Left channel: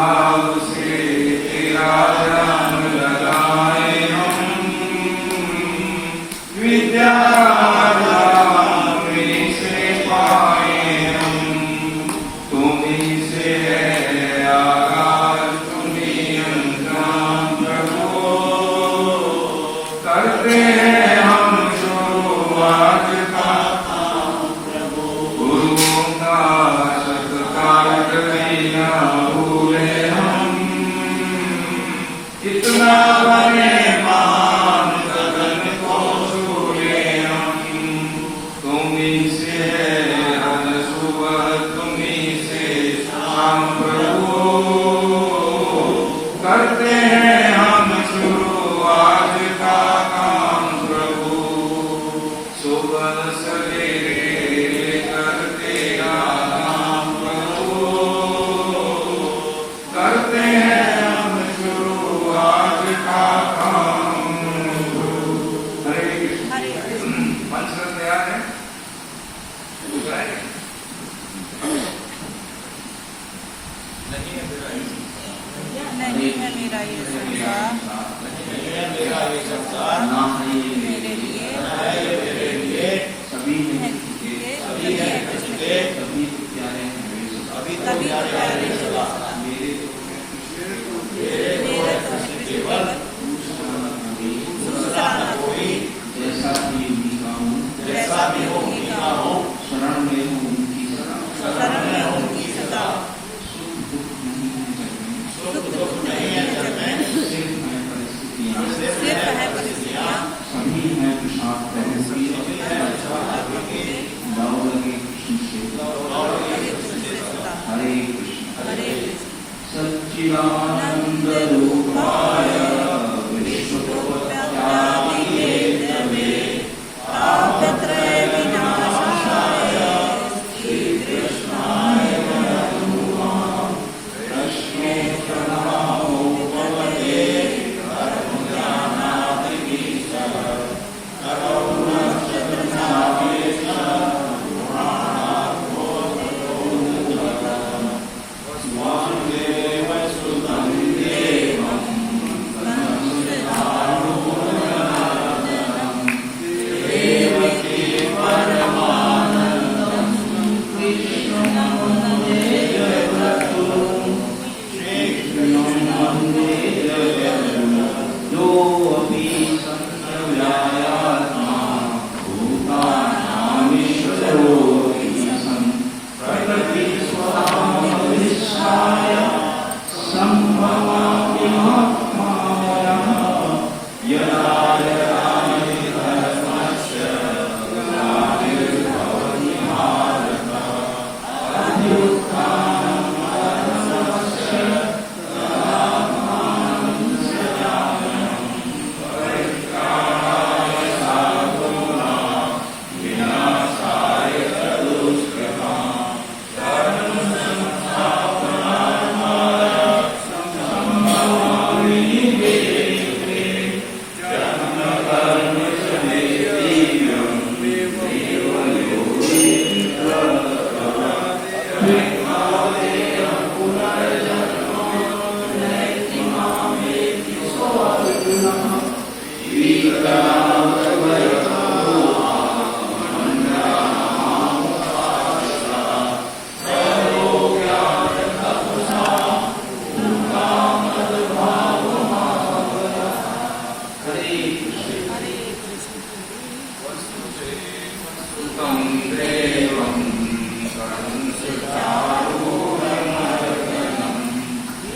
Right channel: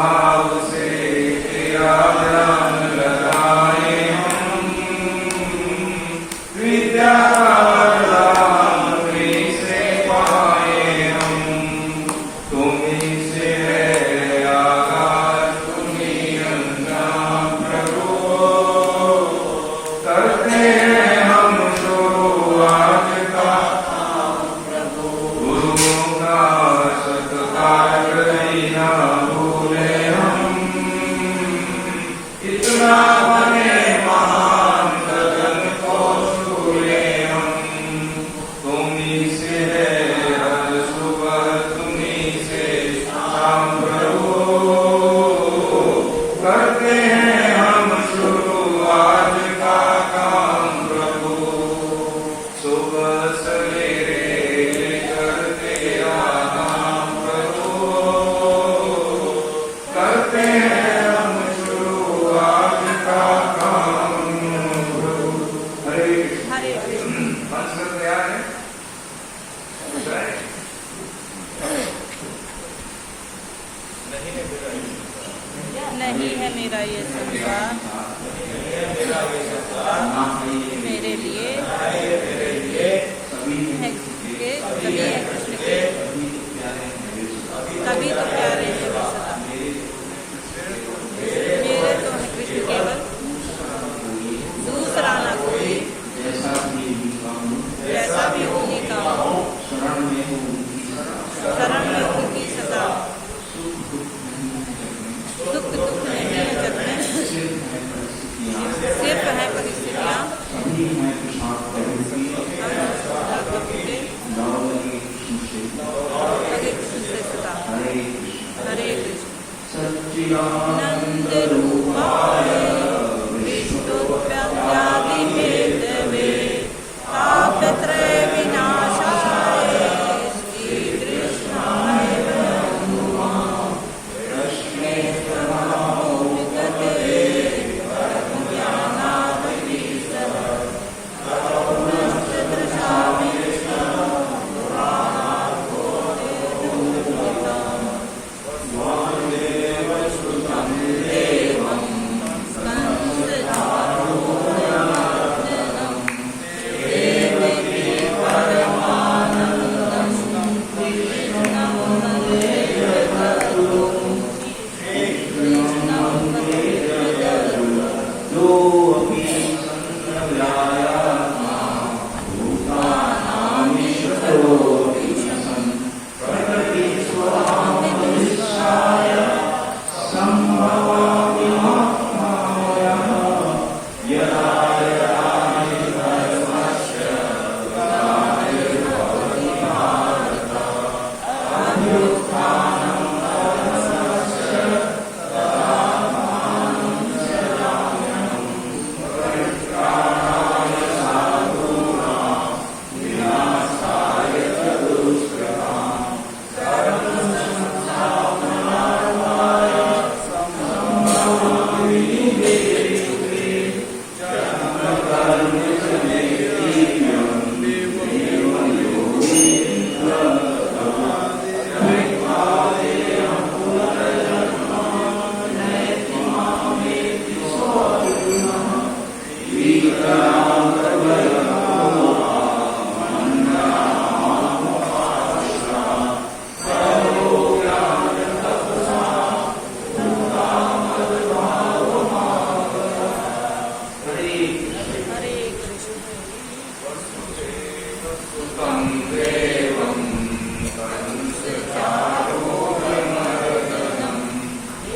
भाव से तेरा ध्यान लगाए हम, विद्या से पाए हम। तुम्हीं से है आकाश, तुम्हीं अंत प्रभु, करते हैं हम शुरुआत का गुरुओं का सत्कार करें ना भूले हम, इतना बने महान सदन को छूले हम। तुम्हीं से है हर सुबह, तुम्हीं से शाम प्रभु, करते हैं हम शुरुआत का काम प्रभु। सुबह सवेरे लेकर तेरा नाम प्रभु, करते हैं हम शुरुआत का काम प्रभु। हरे कृष्ण। पंचरत्न तैयार है? नहीं है मेरा ये संसार, ना है ये मेरे लिए सभी हैं, सभी सभी तो प्यारे हैं, तभी तो प्यारे सदा। मेरे तो केवल दूसरा न कोई, जैसा भी उनका हूँ, उनका हो, शरण में हूँ उनकी सदा, शरण में उनकी सदा। सुख दुख नहीं है जग में, सिर्फ है परिस्थितियाँ, सभी हैं प्रसाद प्रभु की, दाव लगे कृष्ण से, हरे कृष्ण। सच्चिदानंद रूपाय विश्वोत्पत्त्यादि हेतवे, तापत्रय विनाशाय श्री कृष्णाय नमः। कृष्णे प्रणमोपपदे कर्मज्ञानादिवीशः, करुणश्रद्धावेश पुराणाबोधोदकः। वासुदेव सुतं देवं संसदारूढनन्दनं, देवकी परमानन्दं कृष्णं वन्दे जगद्गुरुं। कृष्णं वन्दे जगद्गुरुं। योऽपि सन्नव्यायात्मा भूतानामीश्वरोऽपि सन्, प्रकृतिस्वभावनिष्ठाय सम्भवामि महात्मायः। यदा यदा हि धर्मस्य ग्लानिर्भवति भारत, अभ्युत्थानं धर्मस्य तदात्मानं सृजाम्यहम्। परित्राणाय साधूनां विनाशाय च दुष्कृतां, धर्मसंस्थापनार्थाय सम्भवामि युगे युगे। जन्म कर्म च मे दिव्यं देवयोगीन्द्रं, पुनर्जन्म नैति मामेति सोऽर्जुनः। कीर्तनां सर्वयथा मन्यमामुपाश्रा, सर्वोऽज्ञानतपसा पूर्णामद्भावमावतः। हरे कृष्ण। सुतं देवं कंसचारूढमर्दनं,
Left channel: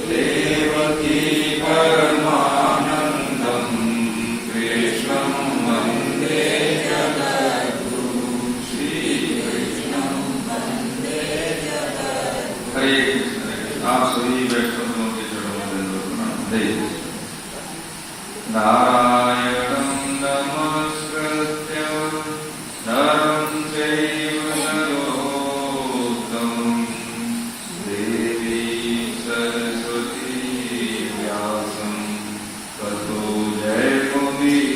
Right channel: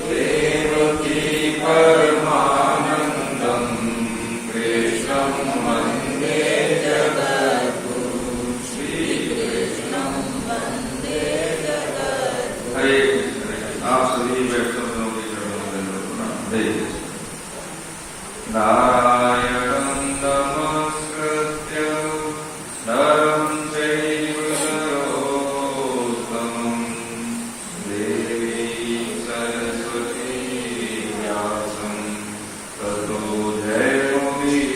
देवकी परमानन्दं कृष्णं वन्दे जगद्गुरुं। श्रीकृष्णं वन्दे जगद्गुरुं। हरे कृष्ण। आप सभी वैष्णवों के चरणों में दंडवत प्रणाम। हरे कृष्ण। नारायणं नमस्कृत्य नरं चैव नरोत्तमं, देवीं सरस्वती व्यासं ततो जयमुदीरये।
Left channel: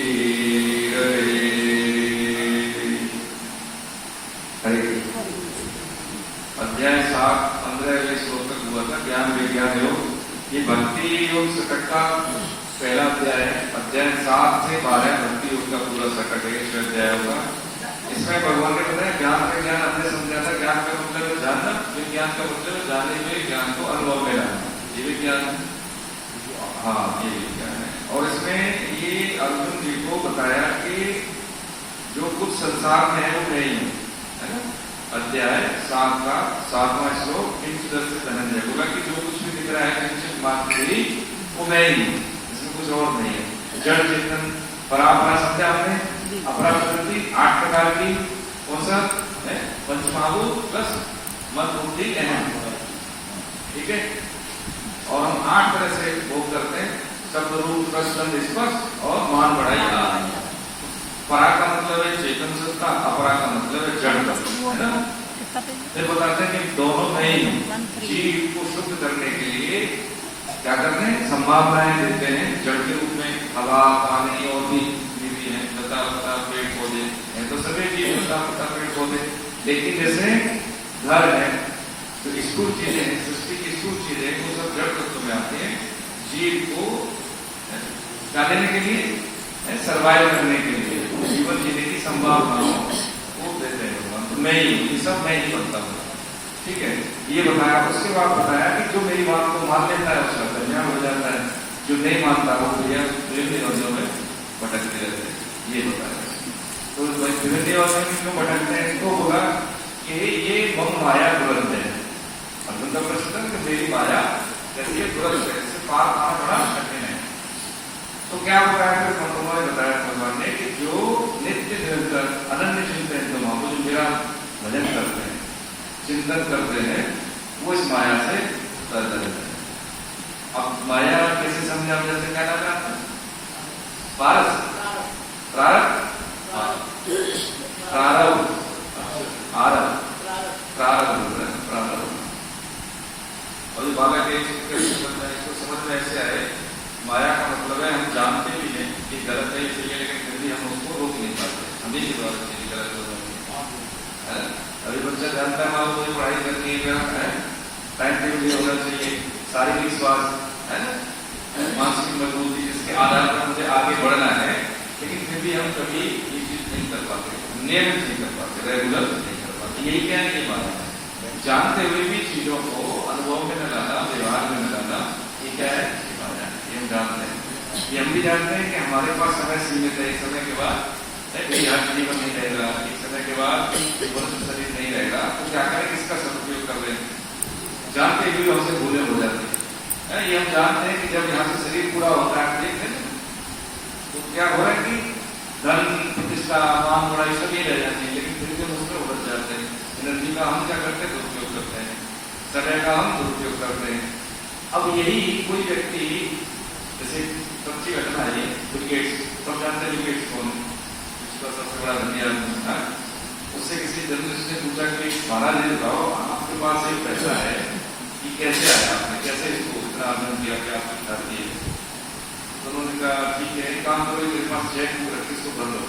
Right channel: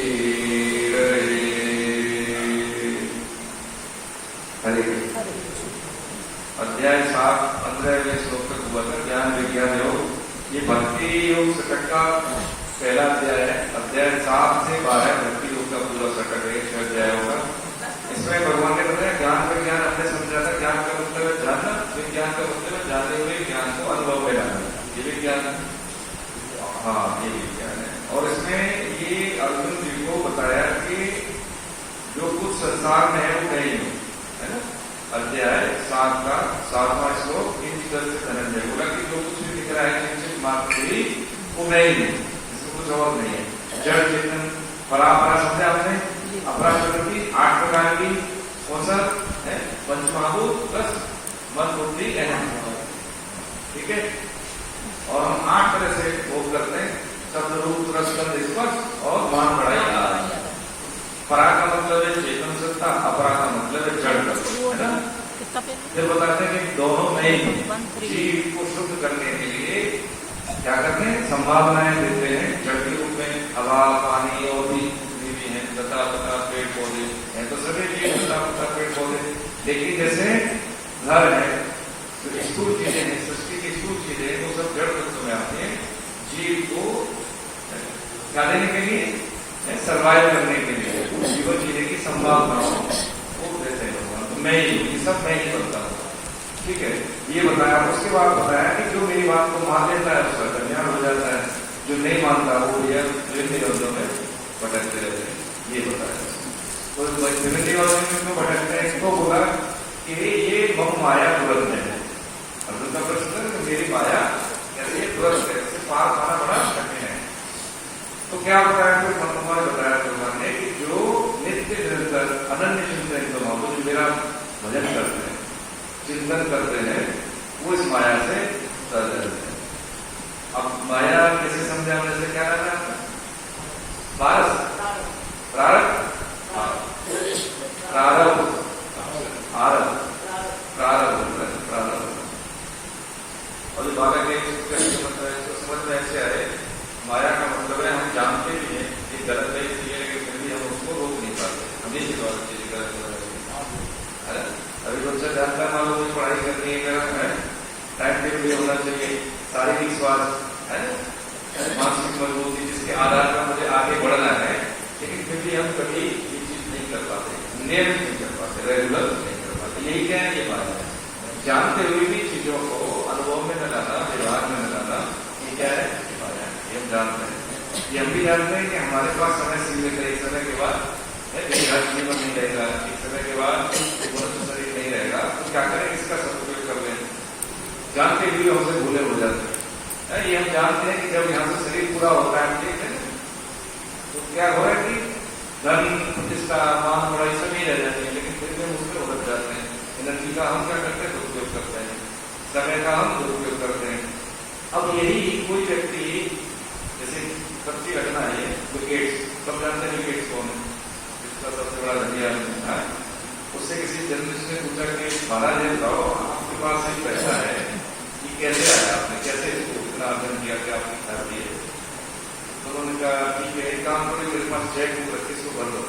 हरे कृष्ण। अध्याय 7 15वें श्लोक तक हुआ था ज्ञान विज्ञान योग। ये भक्ति योग सकट का पहला अध्याय है। अध्याय 7 से 12 भक्ति योग का पूरा सकट है, 6 अध्याय होगा। इसमें भगवान ने बताया ज्ञान विज्ञान हमने समझा था। ज्ञान का मतलब है जानना, विज्ञान का मतलब है जानने में ज्ञान को अनुभव में लाना, ये विज्ञान। हाँ, ये विज्ञान है। और इसमें ये अर्जुन जी को बताया कि जो कुछ संसार में है वो मैं ही हूँ, है ना। अध्याय 7 का 7वां श्लोक धनंजय बोला कि जो कुछ भी दिख रहा है चिंतित मात्र ही वो मैं ही हूँ, इसमें कुछ और नहीं है। जड़ चेतन परापरा समझा आपने, अपरा प्रकृति 8 प्रकार की, कौन सा है, पंचमहाभूत प्लस मन बुद्धि अहंकार, ठीक है। और हम 8 तरह से भोग करते हैं, शब्द रूप रस गंध स्पर्श और मान बढ़ाई आदि। परा का मतलब है चेतन सत्ता, अपरा का मतलब है जड़ तत्व, है ना। फिर बताते हैं कि दोनों में जीव को शुद्ध करने के लिए क्या करते हैं, संभावनाएं देते हैं। जड़ के रूप में हवा, पानी और भी है, लता पता पेड़ पौधे हैं, तो सभी जीव लता पता पेड़ पौधे। लेकिन जैसे घर है तो स्थूल चीजें हैं, सृष्टि की स्थूल चीजें वो सब जड़ तत्व में आती है। जीव को क्या देने के लिए, सर्वाइव करने के लिए, जीवन जीने की संभावनाओं को देते हैं भगवान। तो मैं ही, ये सब मैं ही बनता हूँ, ठीक है। ये बताया। उसके बाद बताया कि जो मेरी बात को मान लेता है उसका कल्याण हो जाता है, जो नहीं मानता वो भैया विभिन्न योजनाओं में भटकते रहते हैं, ये बताया। तो विभिन्न योजनाओं में क्यों भटकते हैं, इसको बोला कि ये मम माया दुरंत है। अर्जुन का प्रश्न कि मेरी माया कैसे दुरंत है, इससे पार पाना बड़ा कठिन है। तो क्या बताया, फिर मनोमय बताया भगवान ने कि जो नित्य निरंतर अनन्य चिंतन जो मेरा भजन करते हैं, चिंतन करते हैं, वो इस माया से उतर जाते हैं। अब माया कैसे समझा, जैसे क्या लगा, पारस प्रारब्ध प्रारब्ध आरब्ध प्रारब्ध। और ये बालक इसको समझ में ऐसे आए, माया का मतलब है हम जानते भी हैं कि गलत है इसलिए, लेकिन फिर भी हम उसको रोक नहीं पाते, हमें ही द्वारा चीजें गलत हो जाती है। अभी बच्चा जानता है मान लो कोई पढ़ाई करनी है, टाइम टेबल भी होना चाहिए, शारीरिक स्वास्थ्य है ना, मानसिक मजबूती, जिसके आधार पर मुझे आगे बढ़ना है, लेकिन फिर भी हम कभी ये चीज नहीं कर पाते, नियमित नहीं कर पाते, रेगुलर नहीं कर पाते। यही क्या है, ये बात है। जानते हुए भी चीजों को अनुभव में न लाना, व्यवहार में न लाना, ये क्या है, ये हम जानते हैं। ये हम भी जानते हैं कि हमारे पास समय सीमित है, एक समय के बाद हर जीवन नहीं रहेगा, एक समय के बाद मनुष्य शरीर नहीं रहेगा, तो क्या करें, इसका सदुपयोग कर लें। जानते हुए हमसे भूले हो जाते हैं। ये हम जानते हैं कि जब यहाँ से शरीर पूरा होता है, ठीक है, तो क्या हो रहा है कि धन प्रतिष्ठा मान बड़ाई सब नहीं रह जाते हैं, लेकिन फिर भी मुश्किल उलझ जाते हैं। एनर्जी का हम क्या करते हैं, दुरुपयोग करते हैं, समय का हम दुरुपयोग करते हैं। अब यही कोई व्यक्ति, जैसे सच्ची घटना है, बिल गेट्स, सब जानते हैं बिल गेट्स कौन है, जिसका सबसे बड़ा धनी आदमी था। उससे किसी जर्नलिस्ट ने पूछा कि महाराज ये बताओ, आपके पास ये पैसा है, ये कैसे आया, आपने कैसे इसको इतना अर्जन किया कि आपकी शादी है। तो उन्होंने कहा ठीक है, एक काम करो, मेरे पास चेक बुक रखी, इसको भर लो,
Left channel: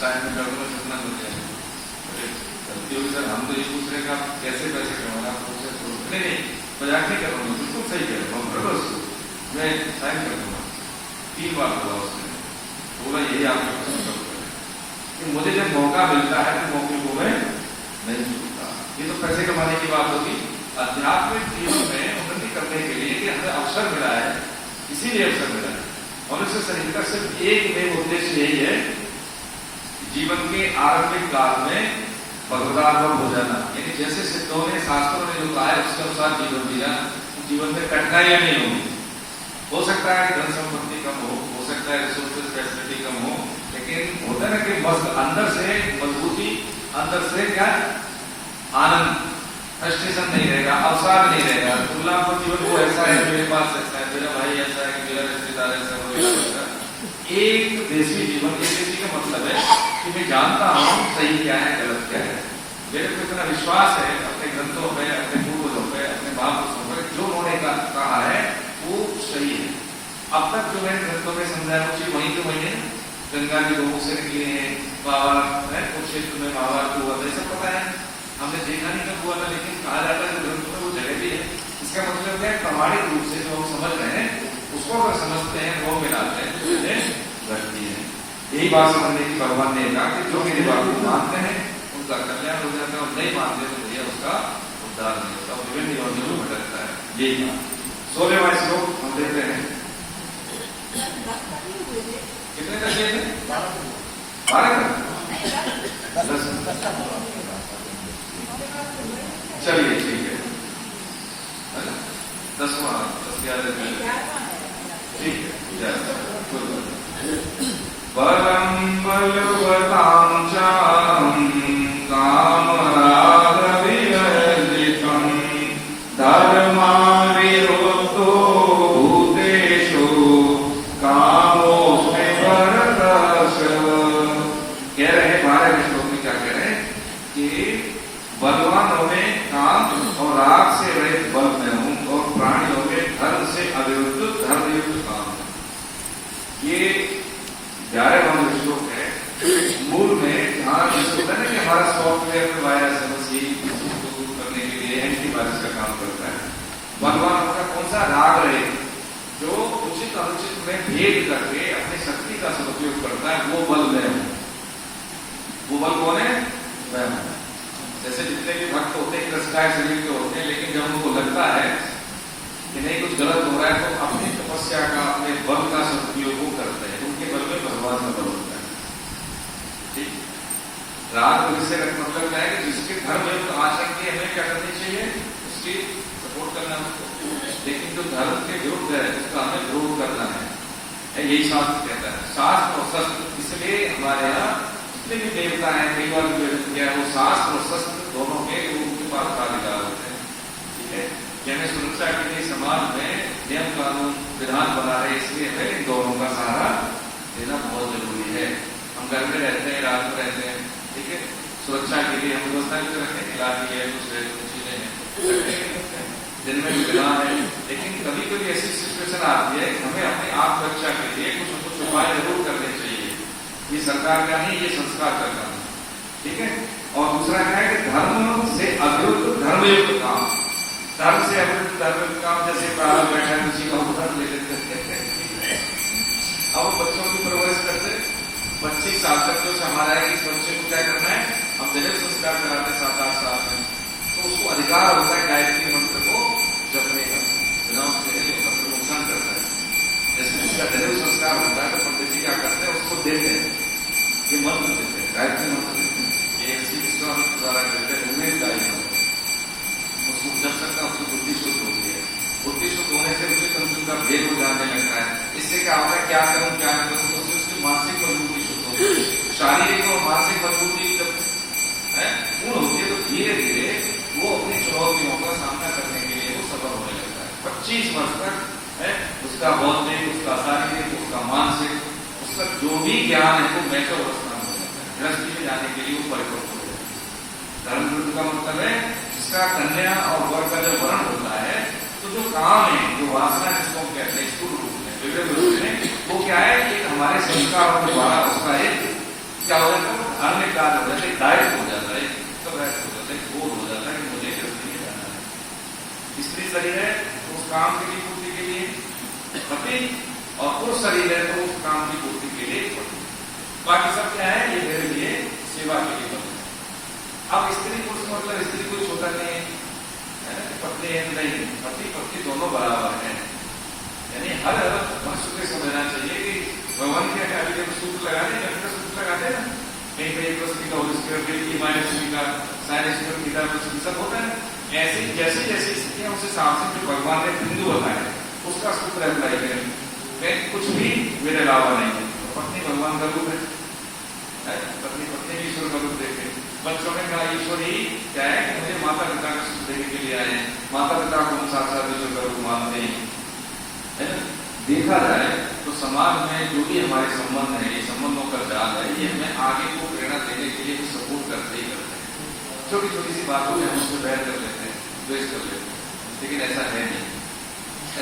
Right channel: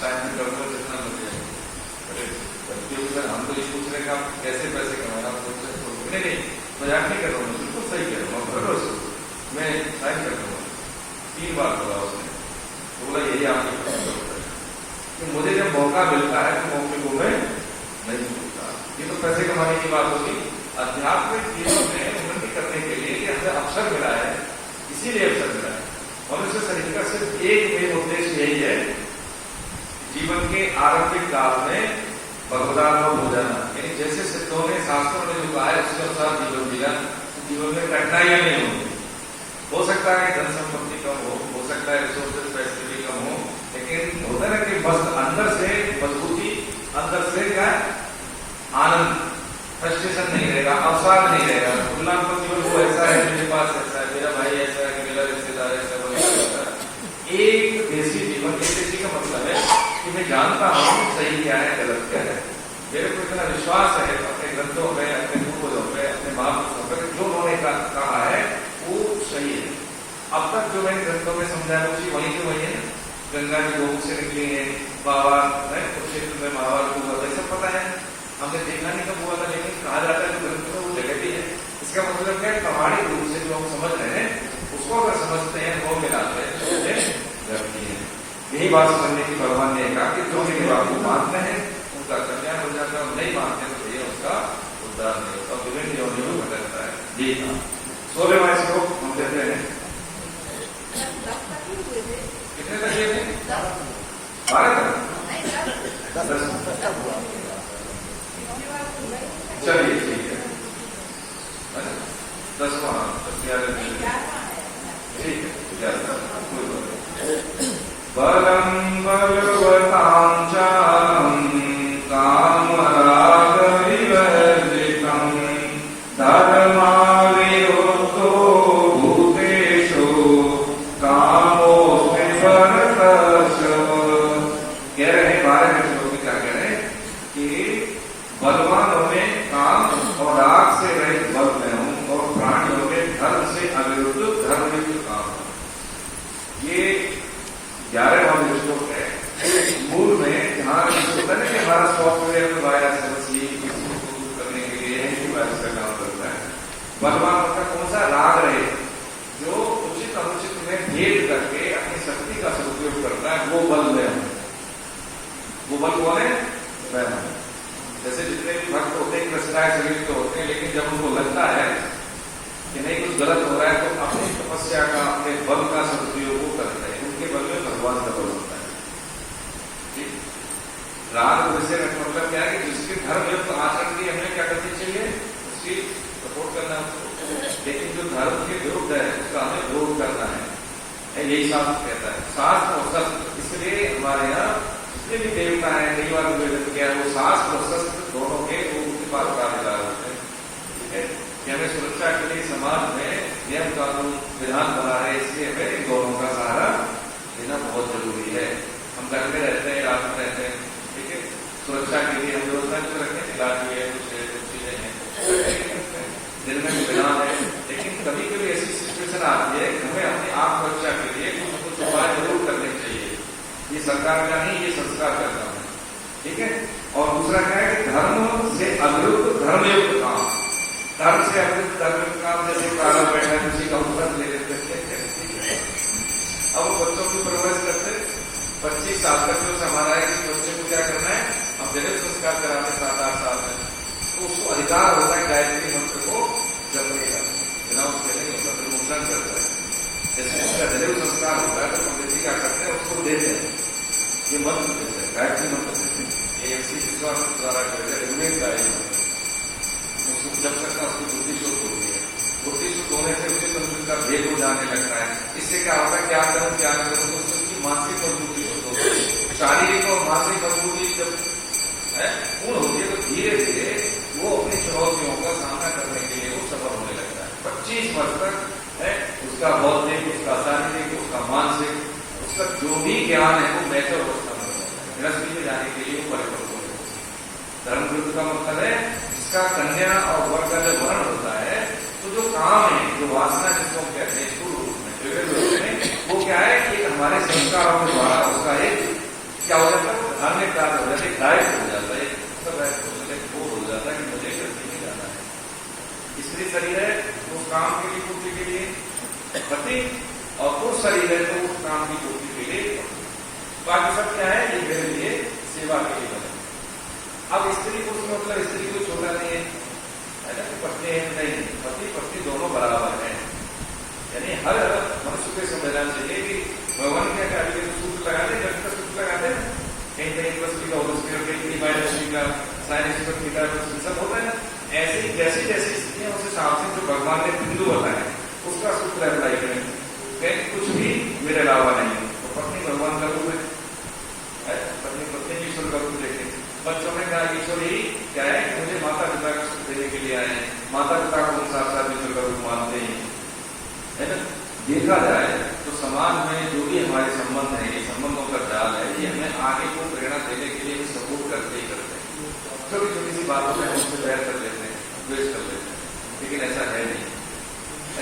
शायद मैं करूँगा जितना मिल जाए। अरे गलती सर, हम तो ये पूछ रहे हैं कैसे पैसे कमाना, नहीं मजाक नहीं कर रहा हूँ, बिल्कुल सही कह रहा हूँ, भर लो इसको, मैं साइन कर दूंगा। 3 बार बोला उसने, तो बोला यही आपके कि मुझे जब मौका मिलता है तो मौके को मैं नहीं चूकता। ये तो पैसे कमाने की बात होगी। आध्यात्मिक जीवन में उन्नति करने के लिए कि हमें अवसर मिला है, इसीलिए अवसर मिला है। मनुष्य शरीर का सिर्फ एक मेन उद्देश्य यही है, जीवन के आरंभिक काल में भगवदानुभव हो जाना। यानी जैसे सिद्धों ने, शास्त्रों ने जो कहा है उसके अनुसार जीवन जिया, जीवन में कठिनाइयां नहीं होंगी। हो सकता है धन संपत्ति कम हो सकता है रिसोर्सेज फैसिलिटी कम हो, लेकिन होता है ना कि बस अंदर से मजबूती, अंदर से क्या आनंद, फ्रस्ट्रेशन नहीं रहेगा, अवसाद नहीं रहेगा। तुलनात्मक जीवन वो ऐसा है, मेरे पास ऐसा है, मेरा भाई ऐसा है, कि मेरा रिश्तेदार ऐसा वगैरह। एक देशी जीवन, एक देशी का मतलब है कि मैं जानता हूँ सही क्या है, गलत क्या है। मेरे को इतना विश्वास है अपने ग्रंथों में, अपने पूर्वजों पे, अपने महापुरुषों पे, जो उन्होंने कहा है वो सही है। अब तक जो मैंने ग्रंथों में समझाया वो चीज वहीं के वहीं है। गंगा जी लोगों से निकली है, बाबा कुरुक्षेत्र में महाभारत हुआ था, सब पता है। हमने देखा नहीं कब हुआ था, लेकिन कहा जाता है जो ग्रंथ में वो जगह भी है। इसका मतलब क्या है, प्रमाणिक रूप से जो हम समझ रहे हैं उसको अगर समझते हैं, वो मिलाते हैं तो उन्हें रखती है। यही बात समझने की भगवान ने कहा कि जो मेरी बात को मानते हैं उनका कल्याण हो जाता है, और नहीं मानते तो भैया उसका उद्धार नहीं होता, विभिन्न योनियों में भटकता है। यही था 16वां श्लोक हम देखते हैं। कितने तक ये थे? 12 तक 10। चलिए ठीक है ना, 10वां ठीक है। बलम बलवतां च कामराग विवर्जितम् धर्माविरुद्धो भूतेषु कामोऽस्मि भरतर्षभ। कह रहे हैं 12वें श्लोक में, क्या कह रहे हैं कि बलवानों में काम और राग से रहित बल में हूं, और प्राणियों में धर्म से अविरुद्ध धर्मयुक्त काम है। ये 11वां श्लोक है। मूल में जहां होता है कि हमारा सॉफ्टवेयर में वायरस समस्या दूर करने के लिए एंटीवायरस का काम करता है। बलवानों का कौन सा राग रहे, जो उचित अनुचित में भेद करके अपनी शक्ति का सदुपयोग करता है, वो बल में हूं। वो बल कौन है? मैं हूं। जैसे जितने भी भक्त होते हैं कृष्णाय शरीर के होते हैं, लेकिन जब उनको लगता है कि नहीं कुछ गलत हो रहा है तो अपनी तपस्या का, अपने बल का सदुपयोग करते हैं। उनके बल में भगवान का बल होता है। ठीक, राग से मतलब क्या है कि जिसके धर्मयुक्त आचरण की हमें क्या करनी चाहिए, उसकी सपोर्ट करना उसको, लेकिन जो धर्म के विरुद्ध है उसका हमें विरोध करना है। यही शास्त्र कहता है। शास्त्र और शस्त्र, इसलिए हमारे यहाँ जितने भी देवता है, कई बार क्या है, वो शास्त्र और शस्त्र दोनों के उनके पास अधिकार होते हैं। ठीक है, कि हमें सुरक्षा के लिए समाज में नियम कानून विधान बना रहे, इसलिए हमें इन दोनों का सहारा देना बहुत जरूरी है। हम घर में रहते हैं, रात में रहते हैं, ठीक है, सुरक्षा के लिए हम व्यवस्थाएं भी करते हैं, इलाज है, कुछ चीजें हैं, दिन में विधान है, लेकिन कभी कभी ऐसी सिचुएशन आती है कि हमें अपनी आत्मरक्षा के लिए कुछ न कुछ उपाय जरूर करने चाहिए। ये सरकार का नहीं, ये संस्कार का काम है। ठीक है, और दूसरा क्या है कि धर्म से अविरुद्ध धर्मयुक्त काम। धर्म से अविरुद्ध धर्मयुक्त काम, जैसे प्रारंभ बैठा है उसी का उदाहरण ले लेते हैं। अब बच्चों की परवरिश करते 25 साल तक जो हमारा है कि बच्चे को क्या करना है, हम जगह संस्कार कराते 7-8 साल में, तो उसको अधिकार होता है गायत्री मंत्र को जपने का, बिना उसके नहीं होता, तो नुकसान करता है। जैसे उसका जरूर संस्कार होता है तो पंडित जी क्या करते हैं, उसको देते हैं, ये मंत्र देते हैं, गायत्री मंत्र देते हैं, ये विश्वास द्वारा कहते हैं उन्हें गायत्री मंत्र। उसको जब सकता उसको बुद्धि शुद्ध होती है। बुद्धि शुद्ध होने से उसे तंत्र का भेद हो जाने लगता है। इससे क्या होता है, क्या करूं क्या नहीं करूं, तो उसकी मानसिक मजबूती शुद्ध होती है। शारीरिक और मानसिक मजबूती जब पूर्ण होती है तो धीरे धीरे वो अपनी चुनौतियों का सामना करने के लिए वो सफल होने लगता है। 25 वर्ष तक उसका बौद्धिक, उसका शारीरिक, उसका मानसिक, उसका जो भी ज्ञान है वो मैच्योर अवस्था में हो जाता है। गृहस्थी में जाने के लिए वो परिपक्व हो जाता है। धर्म विरुद्ध का मतलब है इसका कन्या और वर का जब वर्ण होता है तो जो काम है, जो वासना जिसको हम कहते हैं स्थूल रूप में, विविध रूप में, वो क्या है कि हमारे संस्कारों के द्वारा उसका एक क्या हो जाता है, धार्मिक कार्य हो जाता है, दायित्व हो जाता है, उत्तरदायित्व हो जाता है, बोध हो जाता है कि मुझे गृहस्थी में जाना है। स्त्री शरीर है तो उस काम के लिए पूर्ति के लिए पति, और पुरुष शरीर है तो उस काम की पूर्ति के लिए पति। बाकी सब क्या है, ये मेरे लिए सेवा के लिए करते। अब स्त्री पुरुष मतलब स्त्री कोई छोटा नहीं है ना, कि पत्नी है नहीं, पति पत्नी दोनों बराबर हैं। यानी हर मनुष्य को समझना चाहिए कि भगवान क्या क्या अभी देखो सूत्र लगाते हैं, जब सूत्र लगाते हैं ना, कहीं कहीं प्लस का होता है, माइनस का साइनस का थीटा सब होता है ना। ऐसी जैसी जैसी स्थितियां उस हिसाब से जो भगवान ने बिंदु बताया उसका सूत्र अप्लाई करें। कुछ भी मेरे अलावा नहीं है, तो पत्नी भगवान का रूप है, पत्नी पत्नी भी ईश्वर का रूप देखे। बच्चों में क्या ईश्वर ही क्या है कि मुझे माता पिता का सुख देने के लिए आए हैं, माता पिता को हम साक्षात ईश्वर का रूप मानते हैं, है ना। देखा जाए तो समाज में जो भी हमारे संबंध है, ये संबंधों का जाल है, ये हमें आगे को प्रेरणा देने के लिए भी सपोर्ट करते ही करते हैं। छोटी छोटी सी बातों में हम उसको बैर कर लेते हैं, द्वेष कर लेते हैं, लेकिन ऐसा है नहीं,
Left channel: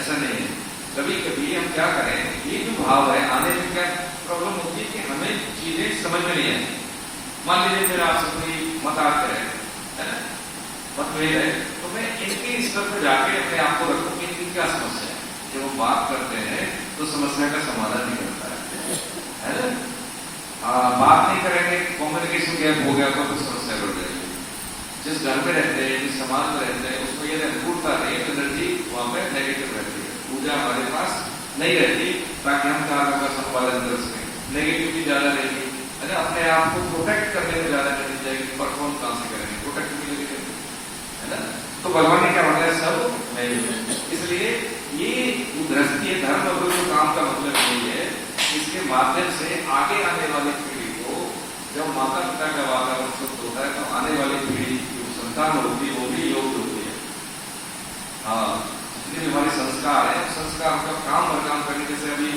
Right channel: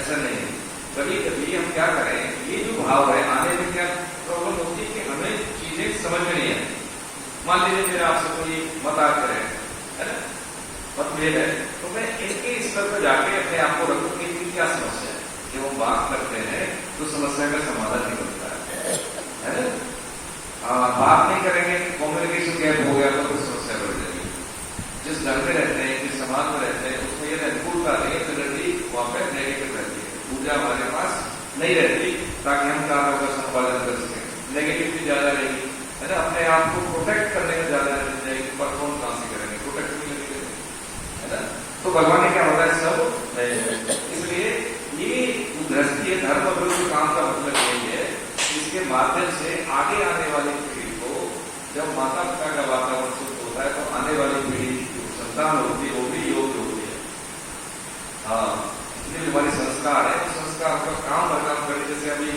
ऐसा नहीं है। कभी कभी हम क्या करें, ये जो भाव है आने में क्या प्रॉब्लम होती है कि हमें चीजें समझ में नहीं आती। मान लीजिए मेरा आपसे कोई मत आता है ना, मतभेद है, तो मैं इनके स्तर पर जाके अपने आप को रखूं कि इनकी क्या समस्या है। जब हम बात करते हैं तो समस्या का समाधान निकलता है ना। बात नहीं करेंगे, कम्युनिकेशन गैप हो गया तो फिर समस्या बढ़ जाएगी। जिस घर में रहते हैं, जिस समाज में रहते हैं, उसमें ये अनुकूलता नहीं है, एनर्जी वहां पे नेगेटिव रहती है, ऊर्जा हमारे पास नहीं रहती ताकि हम कार्यों का संपादन कर सकें। नेगेटिविटी ज्यादा रहेगी, है ना। अपने आप को प्रोटेक्ट करने में ज्यादा एनर्जी जाएगी, परफॉर्म कहां से करेंगे, प्रोटेक्ट भी नहीं, है ना। तो भगवान ने क्या बोला है, सब मैं हूं। इसलिए ये गृहस्थी धर्म और जो काम का मतलब यही है, इसके माध्यम से आगे आने वाली पीढ़ी को, जब माता पिता का वातावरण शुद्ध होता है तो आने वाली पीढ़ी जो संतान होती है वो भी योग्य होती है। हाँ, जितने भी हमारे संस्कार है, संस्कार का काम भर काम करने। जैसे अभी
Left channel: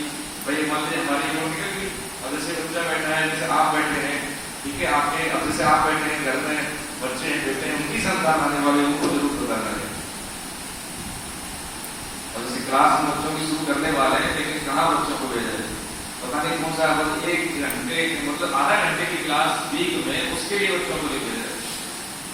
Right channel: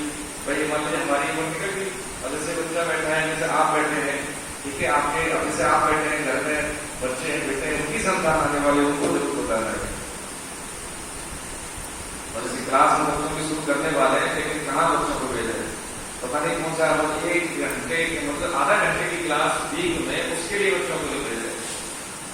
भाई मान लीजिए हमारी उम्र निकल गई और जैसे बच्चा बैठा है, जैसे आप बैठे हैं, ठीक है, आपके अब जैसे आप बैठे हैं घर में, बच्चे हैं, बेटे हैं, उनकी संतान आने वाले उनको जरूर बताना है। और जैसे क्लास में बच्चों की शुरू करने वाले हैं, लेकिन कहाँ बच्चों को भेजा है, पता नहीं कौन सा, एक घंटे मतलब आधा घंटे की क्लास वीक में, उसके लिए बच्चों को भेजा है,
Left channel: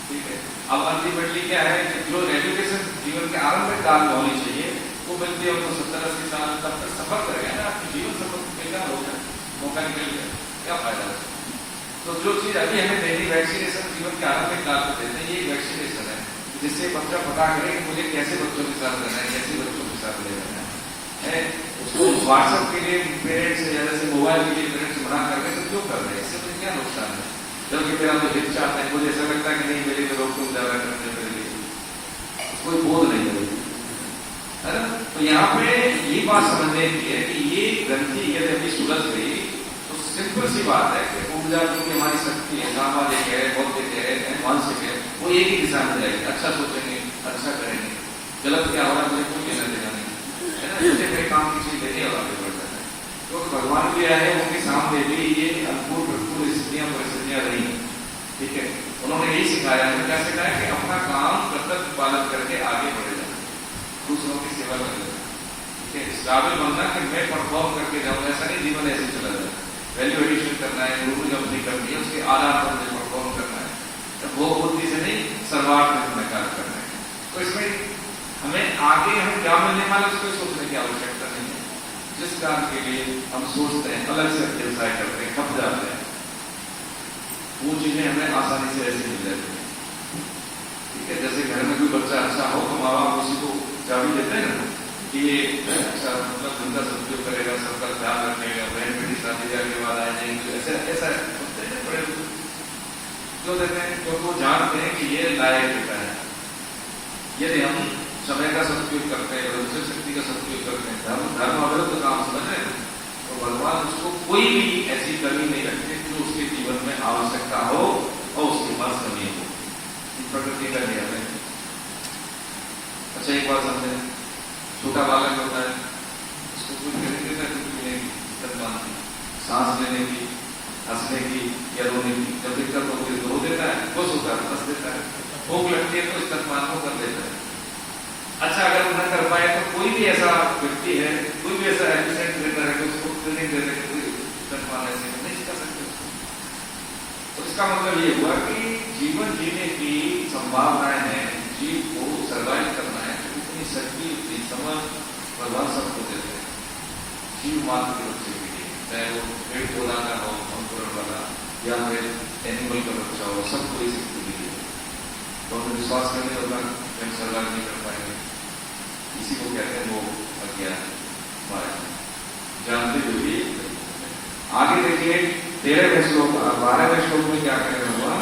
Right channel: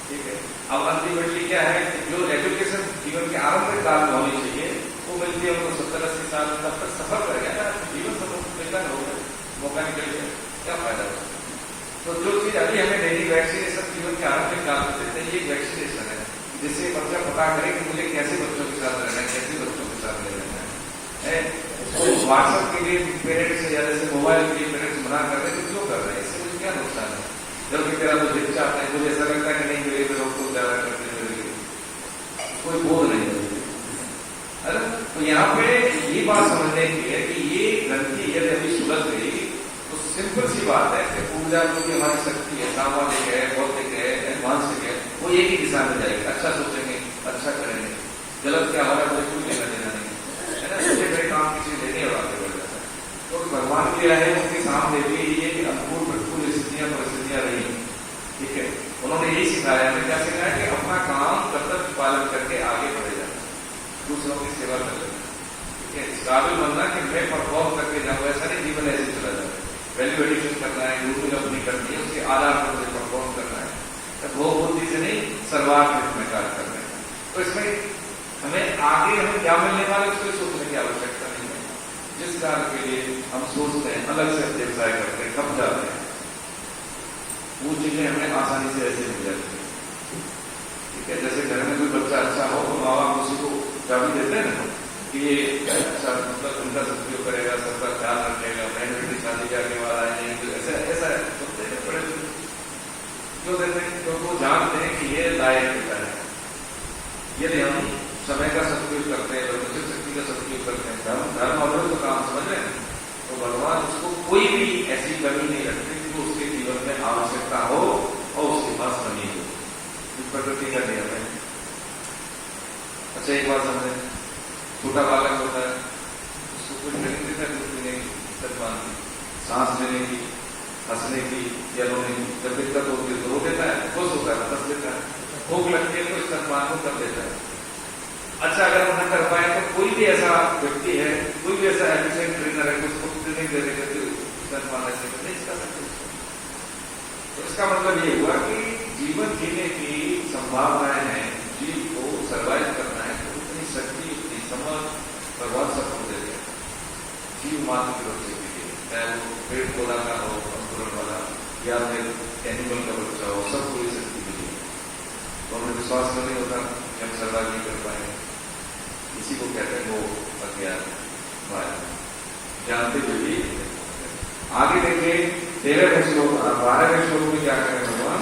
ठीक है। अब अल्टीमेटली क्या है, जो एजुकेशन जीवन के आरंभिक काल में होनी चाहिए वो मिलती है हमको 70-80 साल में, तब तक सफर कर गया ना, आपके जीवन सफर मिलना हो गया, मौका निकल गया, क्या फायदा है। तो जो चीज अभी हमें नहीं, वैक्सीनेशन जीवन के आरंभिक काल में देते हैं, ये वैक्सीनेशन है जिससे बच्चा पता करे कि मुझे कैसे बच्चों के साथ रहना है, कैसे बच्चों के साथ ले जाना है। उसको व्हाट्सएप के लिए पेरेंट्स या जैसे मोबाइल के लिए पेरेंट्स मना कर रहे हैं, तो क्यों कर रहे हैं, इससे मुझे क्या नुकसान है। जबकि मेरा तो हित चाहते हैं, मुझे ऐसा लगता है कि नहीं मेरे पे रोक टोक ज्यादा करते हैं, मेरे लिए कोई बोध नहीं करेगी, है ना। तो यहाँ पे ये बात समझने की है कि ये ग्रंथि यदि अभी सुलझ गई तो सिंपल सी बात है कि ऊर्जा जो कि हमारी शक्ति है, सामाजिक है, बौद्धिक है, मानसिक है, वो एक ही दिशा में जाएगी। अच्छा सोचेंगे, अच्छा करेंगे, गलत क्या हमारा मुझे कोई लेना देना नहीं, है ना। छोटे बड़े काम की चीज लेने और आगे बढ़ जाता है। तो भगवान जो है उनके सामने भी ये अनुकूल प्रतिकूल स्थितियां परिस्थितियां रही, ठीक है। उन्होंने यही सिखाया है, क्या सिखाया कि अपना काम कर्तव्य पालन करके आगे बढ़े जाना, दूसरों की सेवा करना, ठीक है। इस काबिल बनना कि मैं परफॉर्म करके जाऊँ, ऐसा नहीं जीवन ऐसे चला जाए। वैल्यू एडिशन करना है, गुरु अपनी करनी है, उसके आधार पर मुझे परफॉर्म करना है, तो वो बुद्धि से नहीं सर्वार्थ में कार्य करना है। तो इसमें हमें आगे हम क्या मिलने वाला है उसको सोचने की आवश्यकता नहीं है। जिस कार्य के लिए हम सोचते हैं, अलग से व्यवसाय करते हैं, खप जाते हैं, वो चीजें हमें आसानी से ऐसे मिल जाती है, ठीक है। जैसे घर में कोई बच्चा अच्छा हो तो माँ बाप उसी को चाबी देते हैं ना कि ये अच्छा मतलब धंधा सदुपयोग करेगा, सबका ख्याल रखेगा, बहन बेटी शादी ब्याह के बाद आए जाएंगे, ऐसा ऐसा होते हैं बड़े। क्यों देते हैं, क्योंकि वो जानते हैं कि ये लायक बेटा है। यदि हम समय का सदुपयोग करते हैं, भविष्य शक्ति का सदुपयोग करते हैं, धर्म अविरुद्ध काम समझ रहे हैं, तो भगवान उसको कोई भी ऐसी कमी नहीं रखते जो उसके जीवन में आवश्यकता हो और उसके पास कमी हो। प्रकृति का नियम है। अच्छा एक बात समझे, छोटा बालक होता है, उसको कुछ नहीं देता, कुछ लेने की सदमान की, सांस लेने की, हंसने की या रोने की, जब दिक्कत होती है तो रो देता है, खुश होता है हंस देता है, भूख लगती है तो स्तनपान को कर लेता है। अच्छा अगर हम न कर पाए तो कोई भी ऐसा व्यक्ति है, कोई भी ऐसा एफिशिएंट ट्रेनर है कि उसको ट्रेनिंग देने के स्तनपान ऐसे नहीं कर सकते। तो इसका मतलब ये हुआ कि जीवन जीने की संभावनाएं हैं, जीव को सर्वाइव करना है, तो इतनी शक्ति, इतनी समझ भगवान सबको देते हैं। जीव मात्र की तरफ से भी, चाहे वो पेड़ पौधा का हो, अंकुरण वाला, या फिर एनिमल का बच्चा हो, सबको ये शक्ति मिली है। तो हमें विश्वास करने होता कि हम सर्वाइव नहीं कर पाएंगे, इसी को कहते हैं वो अज्ञान माया। जानते हुए भी आगे देखिए 13वें श्लोक, 12वें श्लोक में क्या कह रहे भगवान,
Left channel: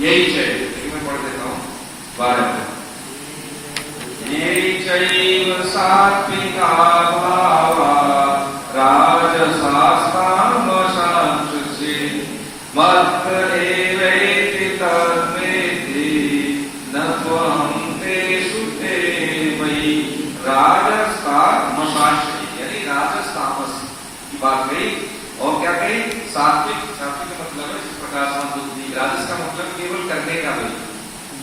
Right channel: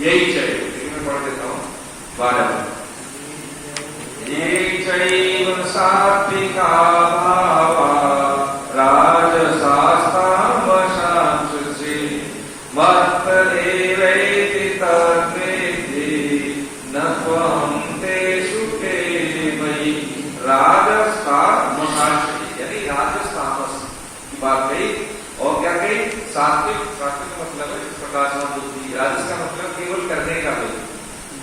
यही चाहिए, मैं पढ़ देता हूँ 12। ये चैव सात्विका भावा राजसास्तामशांसि मत् एवैति तद्वेति न त्वं तेषु ते मयि। राजसास्तामशांसि यानी राजसामस की बात कही, और क्या कही, सात्विक। सात्विक का मतलब है प्रकाश बुद्धि, राजस का मतलब केवल करने का बल।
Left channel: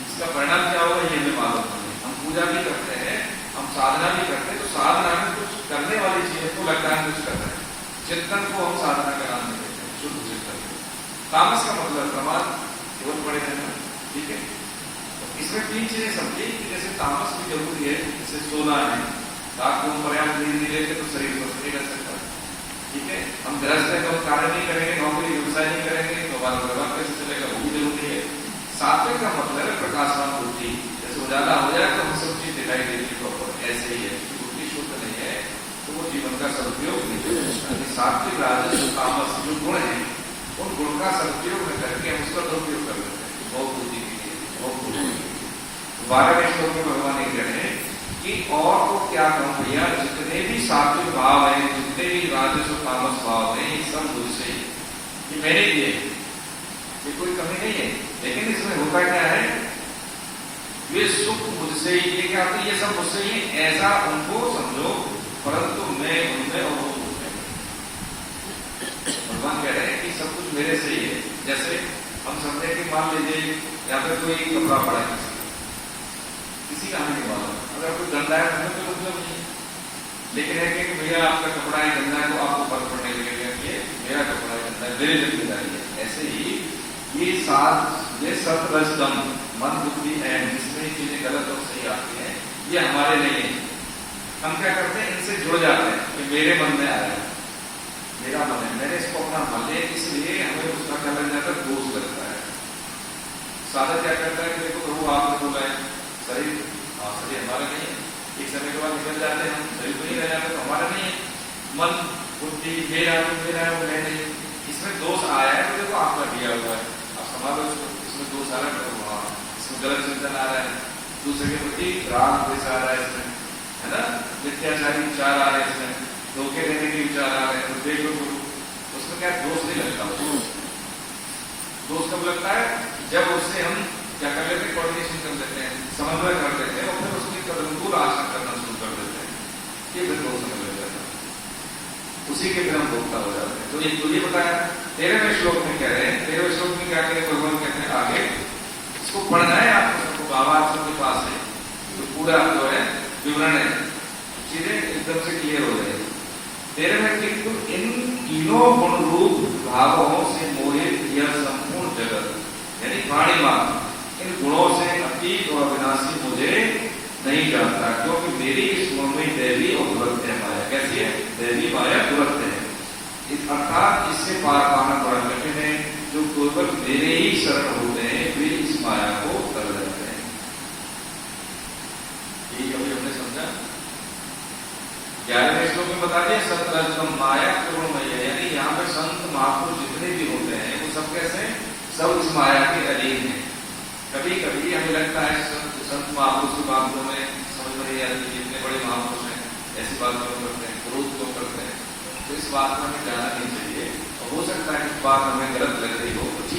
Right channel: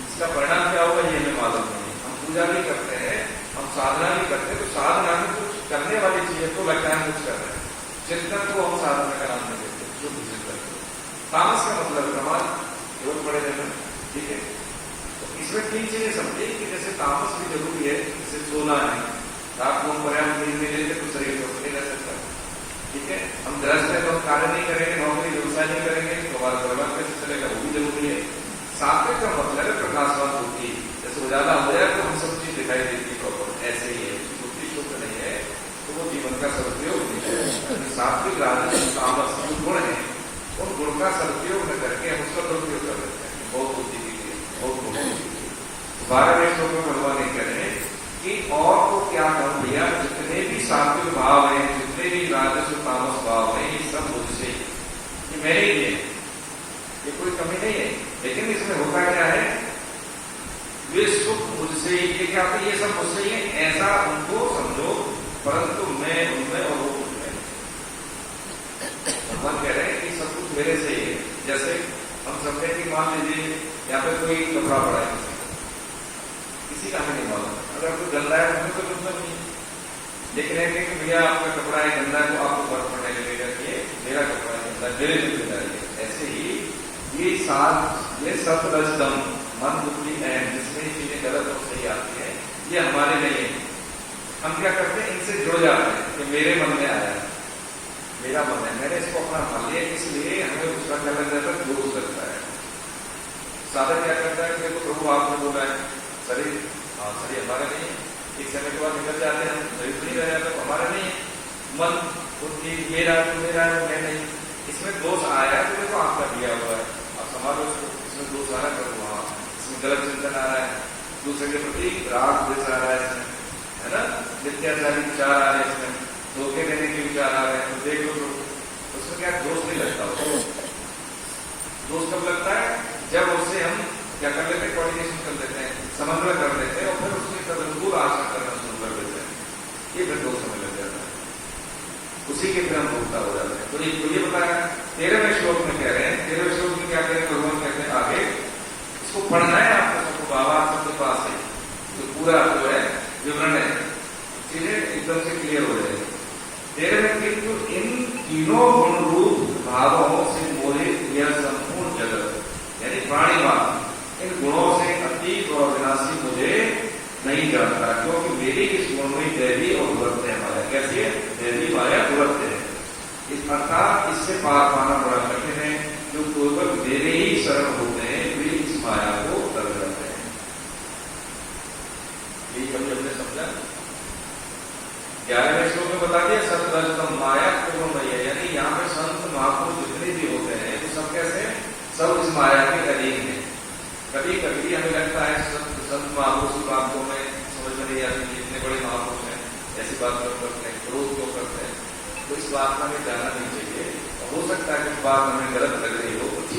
इसका परिणाम क्या होगा ये हमें मालूम नहीं। हम पूजा भी करते हैं, हम साधना भी करते हैं, तो साधना में कुछ करने वाली चीजें तो लगता है कुछ कर रहे हैं, चिंतन को हम साधना का नाम नहीं देते, शुद्ध चिंतन। तामस का मतलब प्रमाद, केवल पड़े रहना, ठीक है। तो इसमें 3 चीजें समझिए कि जैसे तामस भी जरूरी है, जैसे सोना है, रात को हम पर्याप्त नींद नहीं लेते तो शरीर स्वस्थ नहीं रह सकता। ठीक है, हम गृहस्थ है तो हम कार्य नहीं करेंगे, नौकरी व्यवसाय नहीं करेंगे तो हमारा परिवार कैसे चलेगा, वो भी जरूरी है। सात्विक का मतलब है प्रकाशवान बुद्धि, जैसे उजाला हो जाए तो हम सब चीज दिखाई देती है प्रॉपर, ऐसे ही है। बुद्धि शुद्ध नहीं है तो वो जीवन का सदुपयोग नहीं करेगा। सात्विक राजस तामस जो गुण है उन गुण का सदुपयोग न करके हम उसका दुरुपयोग कर लेते हैं, बहुत बुद्धि के लिए, बहुत बुद्धि के लिए। 12वें श्लोक में भगवान ये कह रहे हैं कि और तो क्या कहूं भैया, जितने भी सात्विक भाव हैं, जितने भी राजस तामस भाव हैं, ये सब मुझसे, ये मेरे लिए, ये कोई कमी नहीं है। लेकिन इसमें होता क्या है, ये सुख मुझसे, ये क्या होता है, ये सब मुझसे ही है ऐसा उनको समझो, परंतु मैं उनमें और वो मुझमें। भगवान कह रहे हैं कि सब कुछ मेरे से ही है। जैसे हम समझे कि मान लीजिए यहाँ पे कोई कपड़ा पड़ा है, किसी का हमें नहीं मालूम, अगर कोई गंदा है हमें तो मतलब नहीं, लेकिन है कि भैया आपका कपड़ा है गंदा है तो आपको फर्क पड़ने लगेगा कि ये मेरा कपड़ा है गंदा, मेरे जिम्मेदारी है। ऐसे ही ये सतरजतम मन बुद्धि एंड जिसमें चीजें गलत और सही आती है, ये हमारे नहीं है। हम क्या करते हैं, इनसे जुड़ जाते हैं कि मेरे मन में आया है, मेरा मन है, मैंने इसको अपना मान लिया, इसलिए हमें उसका क्या लग जाता है, दोष लगता है। साधक क्या करता है कि देखो प्रभु आपने बोला है शरीर, हाँ शरीर हमारा नहीं है, एक समय के बाद निकल जाते हैं हम, शरीर तो नहीं रह जाता तो हमारा नहीं है। मन बुद्धि मेरा मैं नहीं, इसमें दोष आया है तो देखो आपका दिया हुआ है, आप संभालो इसको, इसमें दोष आ रहा है प्रभु, हाँ इसमें गलत चिंतन आ रहा है, दूसरे के प्रति राग द्वेष आ रहा है इसमें, है ना, मिथ्याचारी विचार आ रहे हैं इसमें, धोखे देने के विचार आ रहे हैं, तो देख लो प्रभु, उसमें क्या दोष नहीं लगता उसको। दोष कब लगता है, जब उससे हम क्या कर लेते हैं, कोऑर्डिनेशन कर लेते हैं, समन्वय कर लेते हैं और फिर उसकी तदनुकूल आचरण करना शुरू कर देते हैं, ये फिर दोष समझ लग जाता है, उसी के फिर हम भोक्ता हो जाते हैं। तो ये बताया 13वें श्लोक में कह रहे हैं, 13वें श्लोक में क्या करें, भगवान कहते हैं आगे इसको पढ़ना है आपको, सबको बाबा सबके पास है, तो पूरा जो है विवरण है, चीजें एकदम से क्लियर हो जाएगी। 13वें किंतु इन तीनों गुण रूप भावों से मोहित यह संपूर्ण जगत, यानी प्राणी मात्र इन गुणों से अतीत और अविनाशी मुझे नहीं जानता, क्योंकि मेरी इस गुण में दैवी और दुरत्य माया, कैसी है, दैवी माया दुरत्य है, अर्थात इससे पार पाना बड़ा कठिन है। जो केवल मेरे ही शरण होते हैं वे इस माया को तर जाते हैं। ये अभी हमने समझा। 11वें श्लोक में बता दिया सतरजतम माया करुणमय, यानी यहाँ पे संत महापुरुष जितने भी होते हैं वो सब कैसे, सब इस माया के अधीन है। कभी कभी हमें लगता है संत महापुरुष की बात को हमें समझ में नहीं आती, जितने बड़े महापुरुष हैं ऐसी बात क्यों करते हैं, क्रोध क्यों करते हैं, तो इस बात में हमें जाना नहीं चाहिए। और हो सकता है कि बात हमें गलत लग रही हो,